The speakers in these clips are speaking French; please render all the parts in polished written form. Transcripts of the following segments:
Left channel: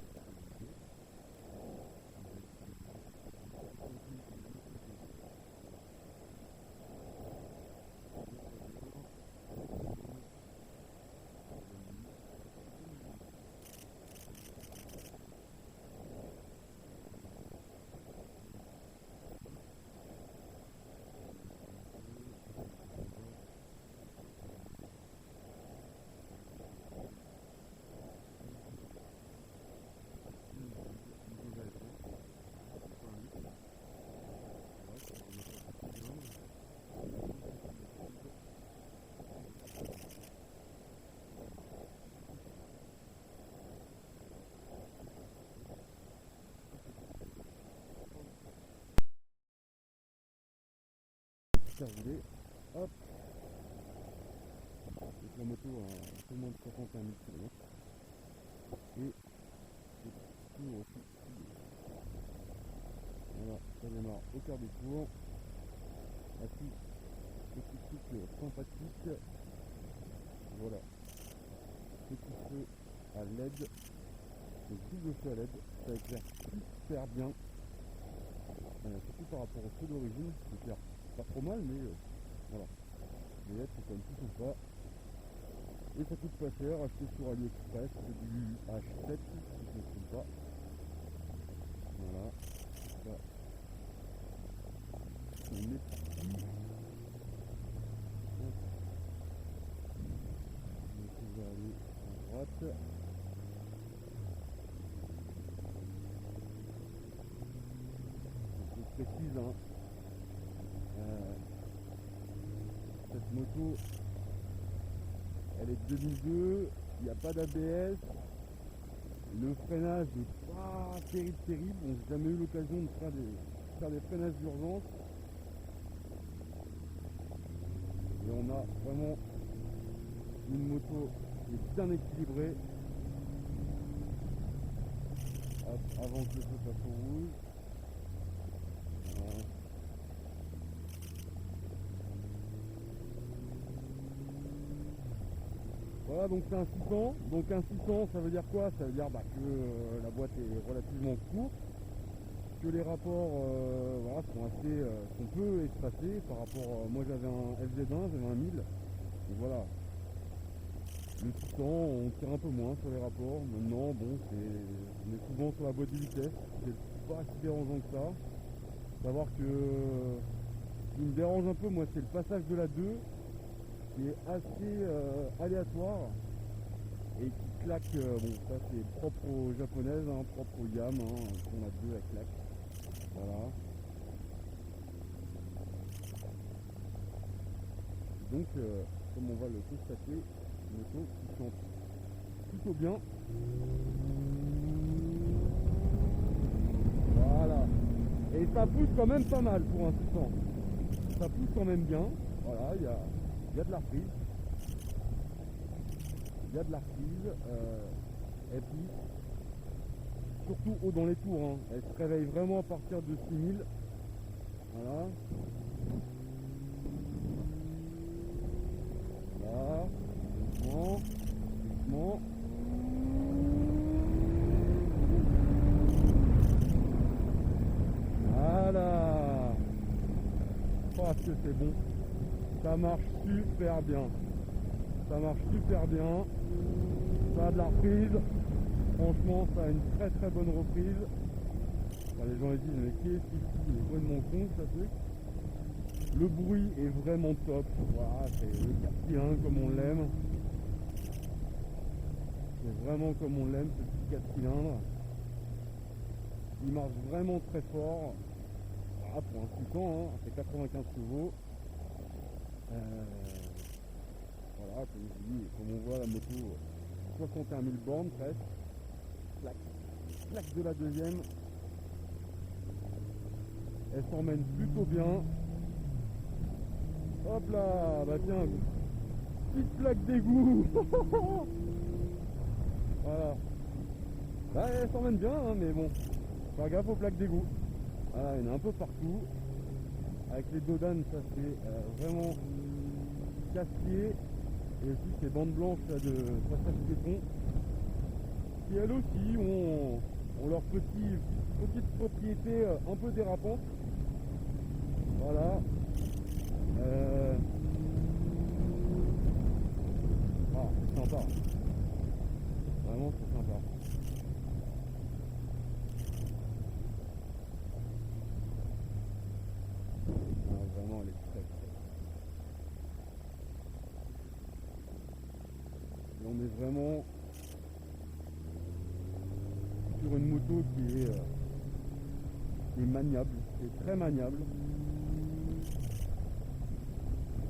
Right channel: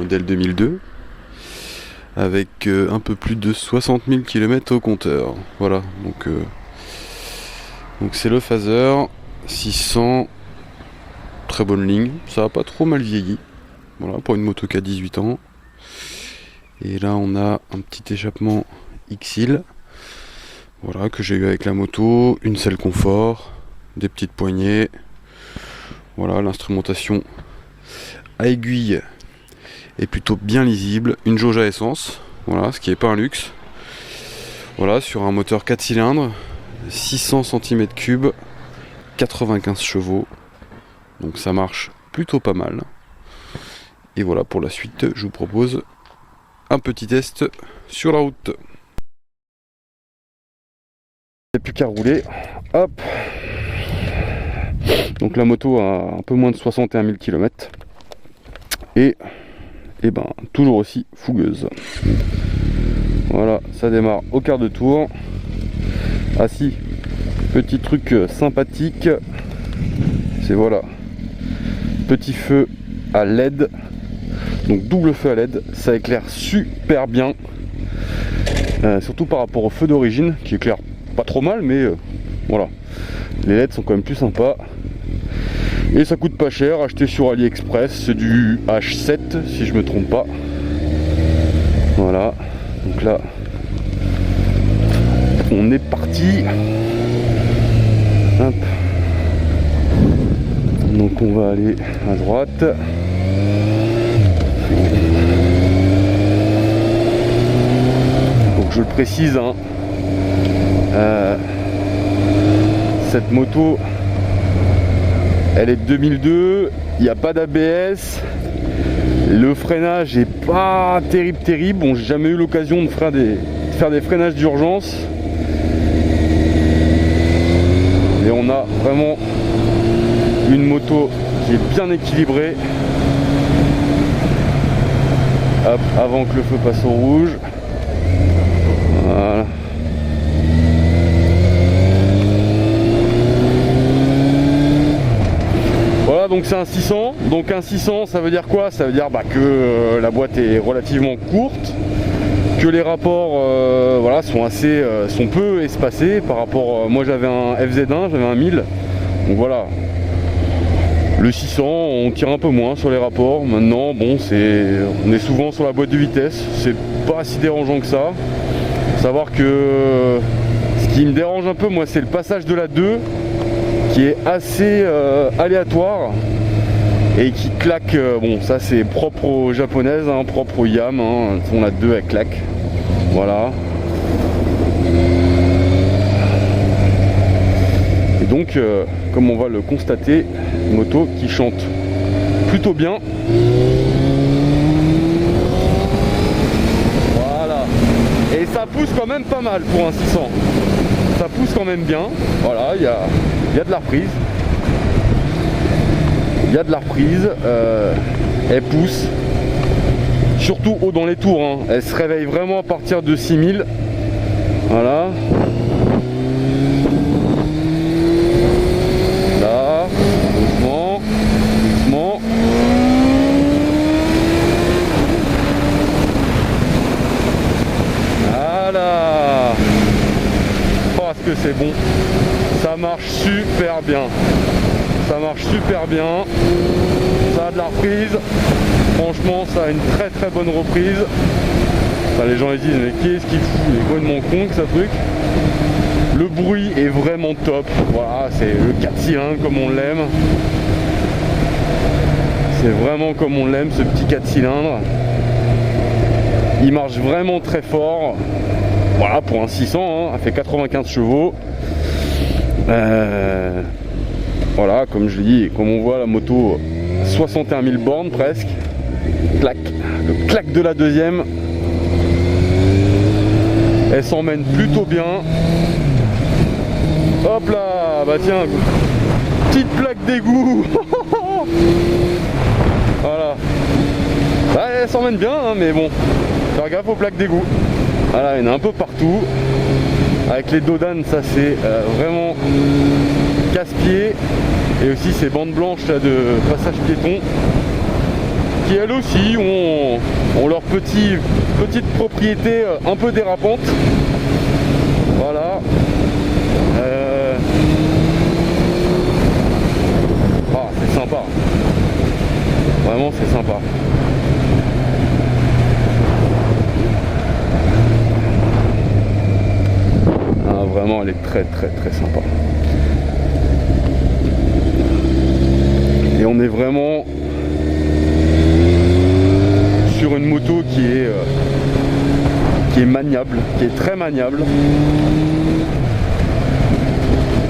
modèle 2002, avec un peu plus de 60 000 km au compteur. Voilà, donc c'est le Phaser 600, très bonne ligne, ça a pas trop mal vieilli, voilà, pour une moto qui a 18 ans. Et là on a un petit échappement X-Hill, voilà, que j'ai eu avec la moto, une selle confort, des petites poignées, voilà, l'instrumentation à aiguille est plutôt bien lisible, une jauge à essence, voilà, ce qui n'est pas un luxe, voilà, sur un moteur 4 cylindres, 600 cm3, 95 chevaux, donc ça marche plutôt pas mal. Et voilà, pour la suite, je vous propose un petit test sur la route. Il n'y a plus qu'à rouler, hop. Donc la moto a un peu moins de 61 000 km et ben toujours aussi fougueuse. Voilà, ça démarre au quart de tour. Ah si, petit truc sympathique, c'est voilà, petit feu à LED, donc double feu à LED, ça éclaire super bien, surtout par rapport au feu d'origine qui éclaire pas trop mal, mais voilà, les LED sont quand même plus sympas. Et ça coûte pas cher, acheté sur AliExpress, c'est du H7 si je me trompe pas. Voilà, donc là on est parti. Hop. Donc on va aller à droite. Donc je le précise, hein, cette moto elle est de 2002, il n'y a pas d'ABS, le freinage est pas terrible, bon j'ai jamais eu l'occasion de faire des freinages d'urgence, et on a vraiment une moto qui est bien équilibrée. Hop, avant que le feu passe au rouge, voilà. Voilà, donc c'est un 600, donc un 600 ça veut dire quoi? Ça veut dire que la boîte est relativement courte, que les rapports voilà, sont peu espacés par rapport, moi j'avais un FZ1, j'avais un 1000, donc voilà. Le 600 on tire un peu moins sur les rapports, maintenant bon on est souvent sur la boîte de vitesse, c'est pas si dérangeant que ça. Faut savoir que ce qui me dérange un peu moi c'est le passage de la 2 qui est assez aléatoire et qui claque, bon ça c'est propre aux japonaises, hein, propre aux Yam, hein, on a 2 elle claque, voilà. Et donc comme on va le constater, une moto qui chante plutôt bien. Voilà, et ça pousse quand même pas mal pour un 600, ça pousse quand même bien, voilà, il y a de la reprise. Il y a de la reprise, elle pousse, surtout haut dans les tours, hein. Elle se réveille vraiment à partir de 6000, voilà. Là, doucement, doucement. Voilà. Oh, est-ce que c'est bon? Ça marche super bien. Ça marche super bien, ça a de la reprise, franchement ça a une très bonne reprise. Enfin, les gens ils disent mais qu'est-ce qu'il fout, il est complètement con que ça truc. Le bruit est vraiment top, voilà, c'est le 4 cylindres comme on l'aime. C'est vraiment comme on l'aime ce petit 4 cylindres. Il marche vraiment très fort, voilà, pour un 600, hein, elle fait 95 chevaux. Voilà, comme je dis, comme on voit la moto, 61 000 bornes presque. Clac, le clac de la deuxième. Elle s'emmène plutôt bien. Hop là, bah tiens, petite plaque d'égout. Voilà. Bah, elle s'emmène bien, hein, mais bon, faire gaffe aux plaques d'égout. Voilà, il y en a un peu partout. Avec les dodanes, ça c'est vraiment casse-pied. Et aussi ces bandes blanches là de passage piéton qui elles aussi ont leur petite propriété un peu dérapante. Voilà. C'est sympa. Vraiment c'est sympa. Vraiment elle est très sympa. Et on est vraiment sur une moto qui est maniable, qui est très maniable.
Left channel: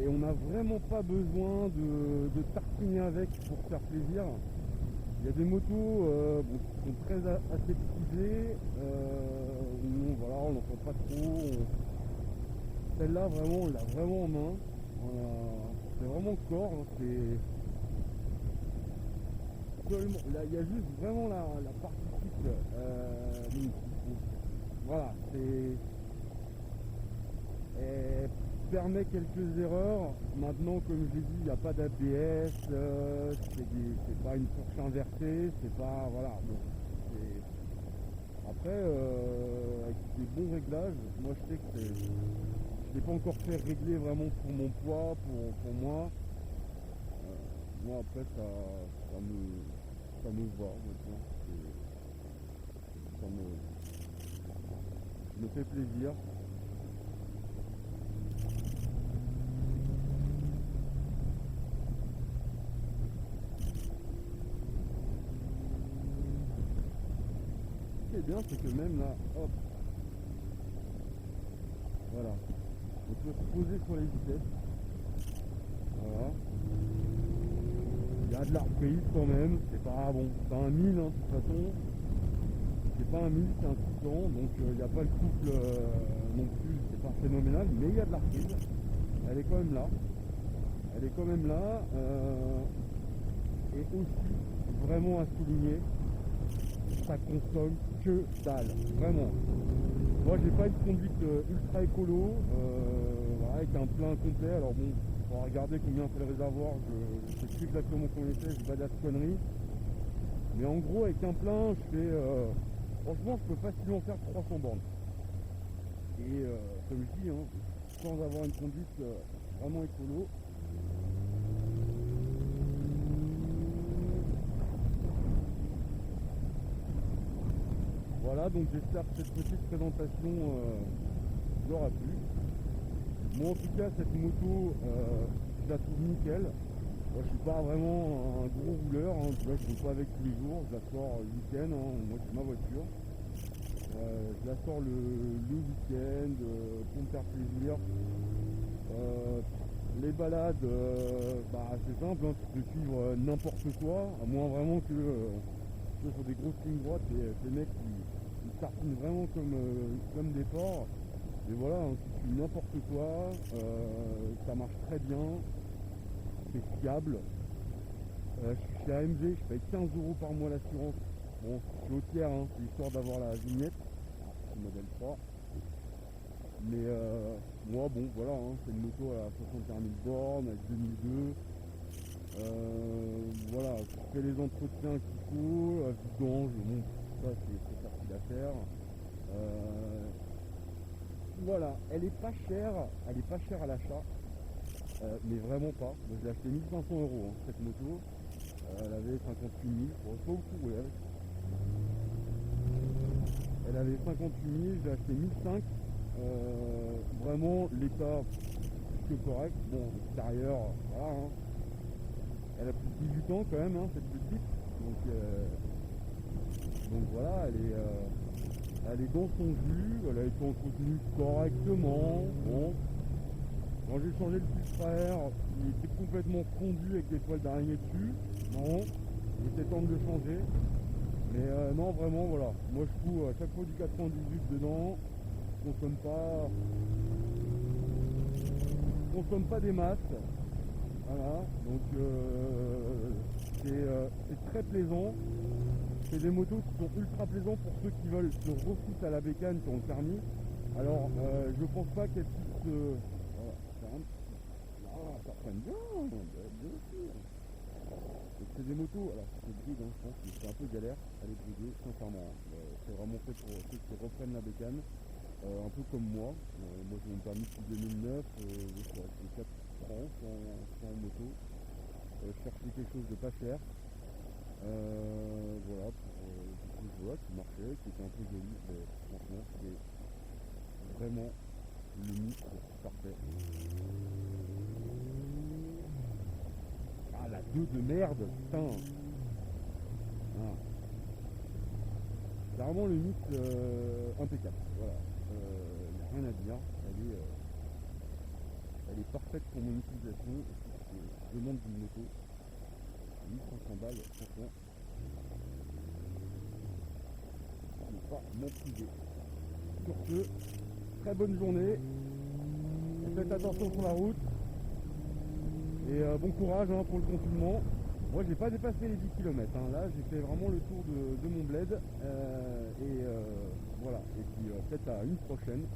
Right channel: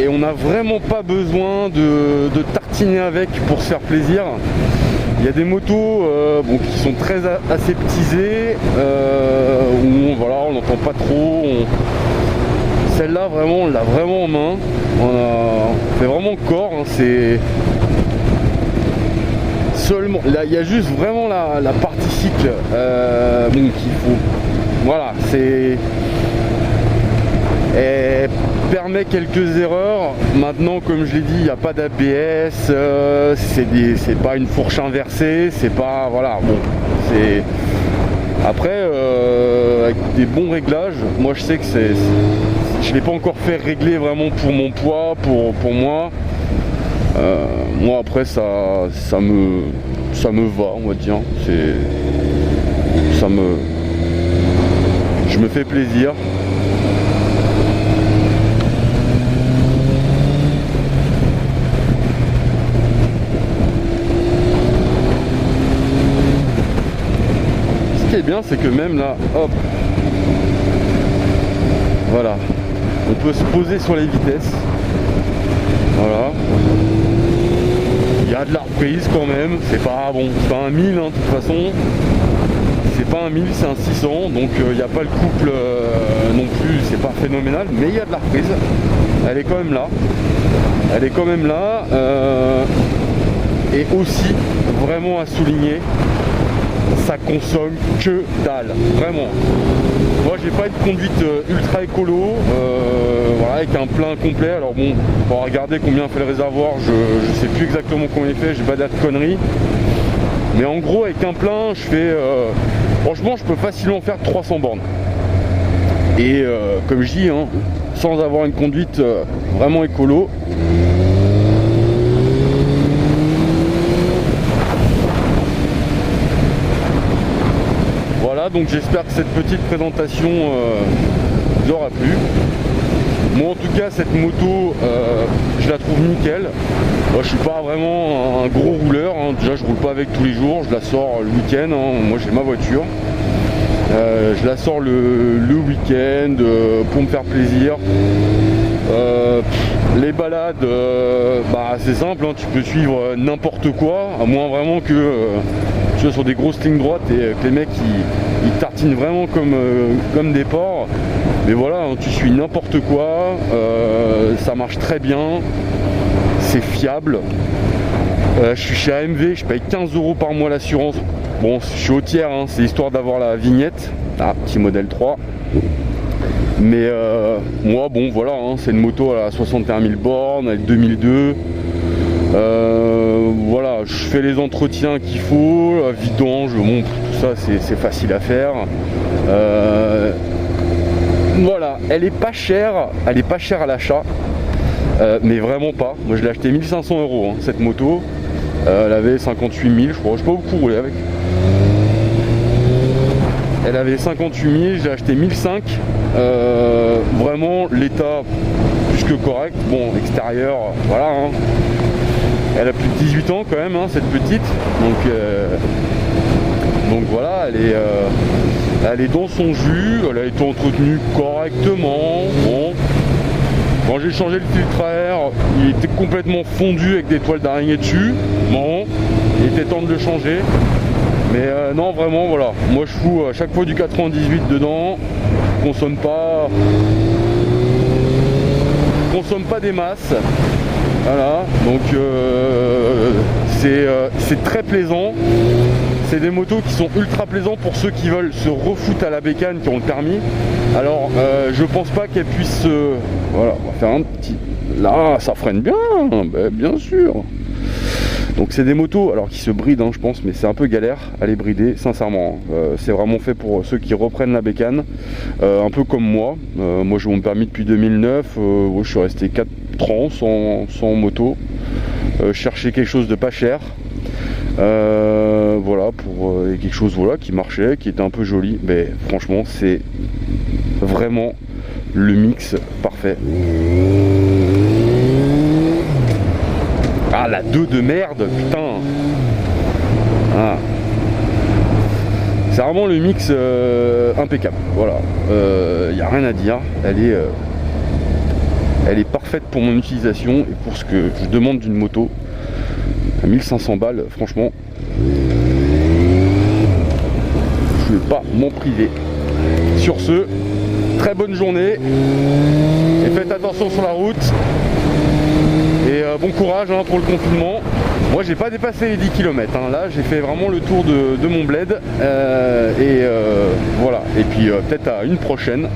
Et on n'a vraiment pas besoin de tartiner avec pour se faire plaisir. Il y a des motos qui sont très aseptisées, où voilà, on n'entend pas trop. Celle-là, vraiment, on l'a vraiment en main. On fait vraiment corps. Hein, c'est seulement. Là, il y a juste vraiment la partie cycle qu'il faut. Voilà, c'est. Elle permet quelques erreurs. Maintenant, comme je l'ai dit, il n'y a pas d'ABS. C'est pas une fourche inversée. C'est pas. Voilà, bon. C'est. Après, avec des bons réglages, moi je sais que je ne l'ai pas encore fait régler vraiment pour mon poids, pour moi. Moi après ça me va, on va dire. Je me fais plaisir. Ce qui est bien, c'est que même là, hop, voilà, on peut se poser sur les vitesses. Voilà. Il y a de la reprise quand même. C'est pas bon, c'est pas un 1000 hein, de toute façon. C'est pas un 1000, c'est un 600. Donc il n'y a pas le couple non plus. C'est pas phénoménal, mais il y a de la reprise. Elle est quand même là. Elle est quand même là. Et aussi, vraiment à souligner, ça consomme que dalle, vraiment. Moi j'ai pas une conduite ultra écolo, voilà, avec un plein complet. Alors bon, on va regarder combien fait le réservoir, je sais plus exactement combien il fait, j'ai pas de conneries. Mais en gros avec un plein je fais, franchement je peux facilement faire 300 bornes. Et comme je dis, hein, sans avoir une conduite vraiment écolo. Donc j'espère que cette petite présentation vous aura plu. Moi en tout cas cette moto je la trouve nickel. Moi je suis pas vraiment un gros rouleur, hein. Déjà je roule pas avec tous les jours, je la sors le week-end, hein. Moi j'ai ma voiture. Je la sors le week-end pour me faire plaisir. Les balades, c'est simple, hein. Tu peux suivre n'importe quoi, à moins vraiment que tu sois sur des grosses lignes droites et que les mecs ils tartinent vraiment comme des porcs. Mais voilà, hein, tu suis n'importe quoi, ça marche très bien, c'est fiable. Je suis chez AMV, je paye 15 € par mois l'assurance. Bon, je suis au tiers, hein, c'est histoire d'avoir la vignette. Ah, petit modèle 3. Mais moi, bon, voilà, hein, c'est une moto à 61 000 bornes, avec 2002. Voilà, je fais les entretiens qu'il faut, la vidange, bon, tout ça, c'est facile à faire. Voilà, elle est pas chère à l'achat, mais vraiment pas. Moi, je l'ai acheté 1500 €, hein, cette moto. Elle avait 58 000, je crois. Je sais pas beaucoup rouler avec. Elle avait 58 000, j'ai acheté 1005. Vraiment, l'état plus que correct. Bon, extérieur, voilà. Hein. Elle a plus de 18 ans quand même, hein, cette petite. Donc voilà, elle est dans son jus. Elle a été entretenue correctement. Bon. Quand j'ai changé le filtre à air, il était complètement fondu avec des toiles d'araignée dessus. Bon, il était temps de le changer. Mais non, vraiment, voilà. Moi, je fous à chaque fois du 98 dedans. Consomme pas des masses. Voilà. Donc c'est très plaisant. C'est des motos qui sont ultra plaisants pour ceux qui veulent se refoutre à la bécane, qui ont le permis. Alors je pense pas qu'elle puisse voilà, on va faire un petit. Là, ça freine bien, ben, bien sûr. Donc c'est des motos alors qui se brident, je pense, mais c'est un peu galère à les brider, sincèrement. C'est vraiment fait pour ceux qui reprennent la bécane, un peu comme moi. Moi j'ai mon permis depuis 2009, je suis resté 4 ans sans moto. Chercher quelque chose de pas cher. Voilà, pour quelque chose qui marchait, qui était un peu joli. Mais franchement, c'est vraiment le mix parfait. Ah, la 2 de merde, putain. Ah. C'est vraiment le mix impeccable. Voilà, il n'y a rien à dire. Elle est parfaite pour mon utilisation et pour ce que je demande d'une moto. À 1500 balles, franchement, je ne vais pas m'en priver. Sur ce, très bonne journée et faites attention sur la route. Et bon courage pour le confinement. Moi j'ai pas dépassé les 10 km, là j'ai fait vraiment le tour de mon bled. Voilà, et puis peut-être à une prochaine.